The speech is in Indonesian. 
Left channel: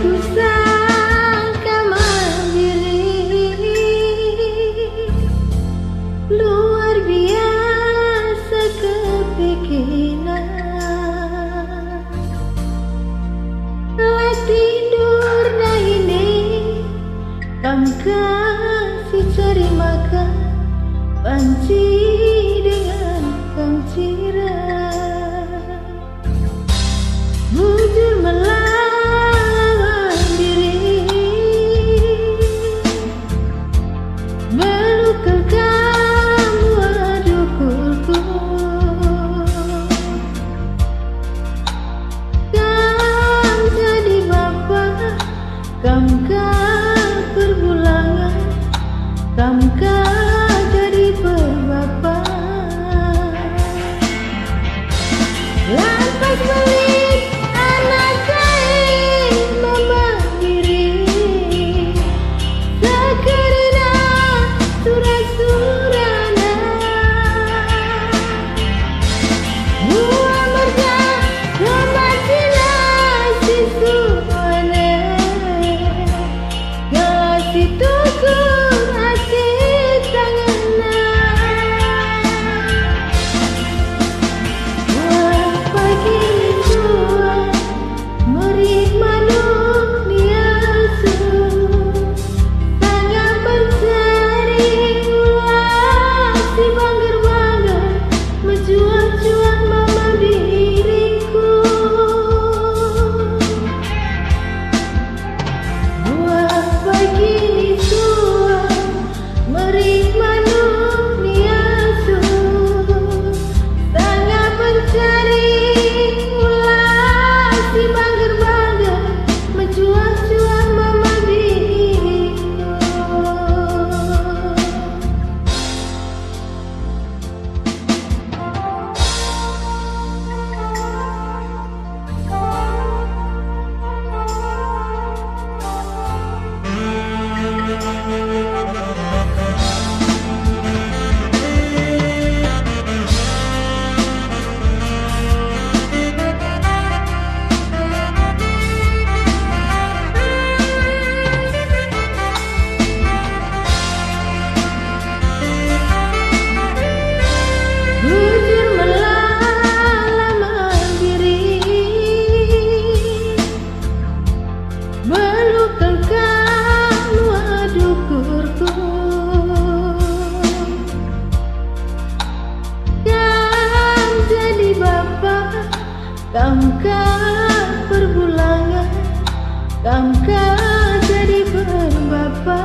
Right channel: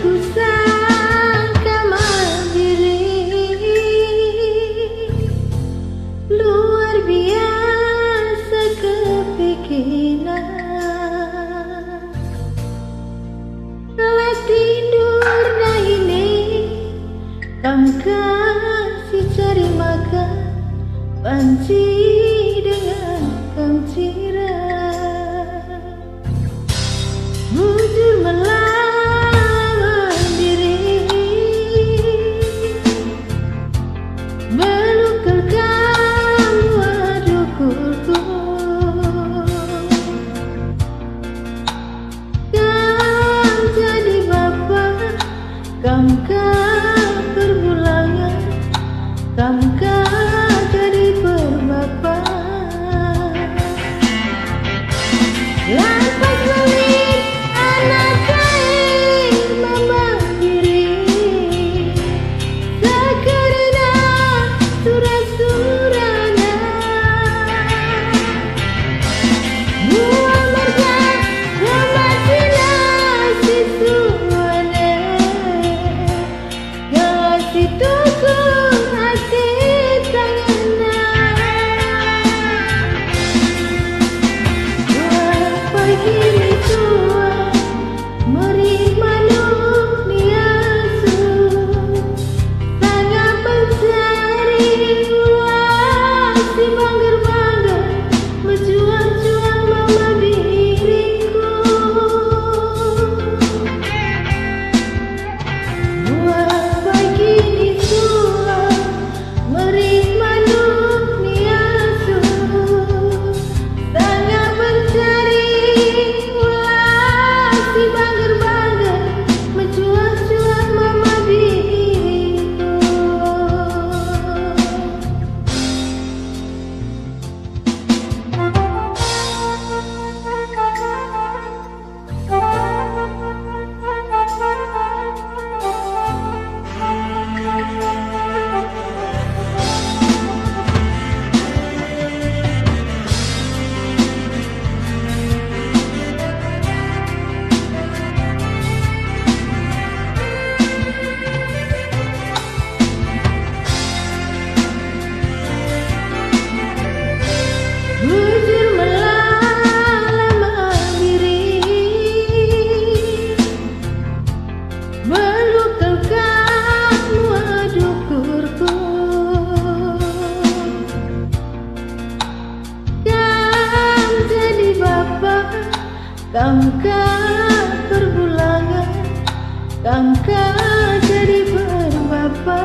ku sangka mandiri, luar biasa kepikiran. Telah tidur dah ini, kam kasih cari makan, panci dengan kam cirat. Bujur melawan diri, belukal kamu adukulku. Kam jadi bapak, kam perbulangan, kam jadi berbapa. Lantas balik anak kain memagiri, sekerina surah-surana buah merga remacina si suane, ngasih tukur hati tanganna. Wah pagi tua meri manusia su, sangat mencari ulah si banggar-banggar, menjual-jual mama diriku. Wah pagi tua meri manusia su, sangat mencari ulah si banggar-banggar, menjual-jual mama diriku. Bujur melalama diri, belukal kamu adukurku. Kam jadi bapak, kam perbulangan, kam jadi berbapa.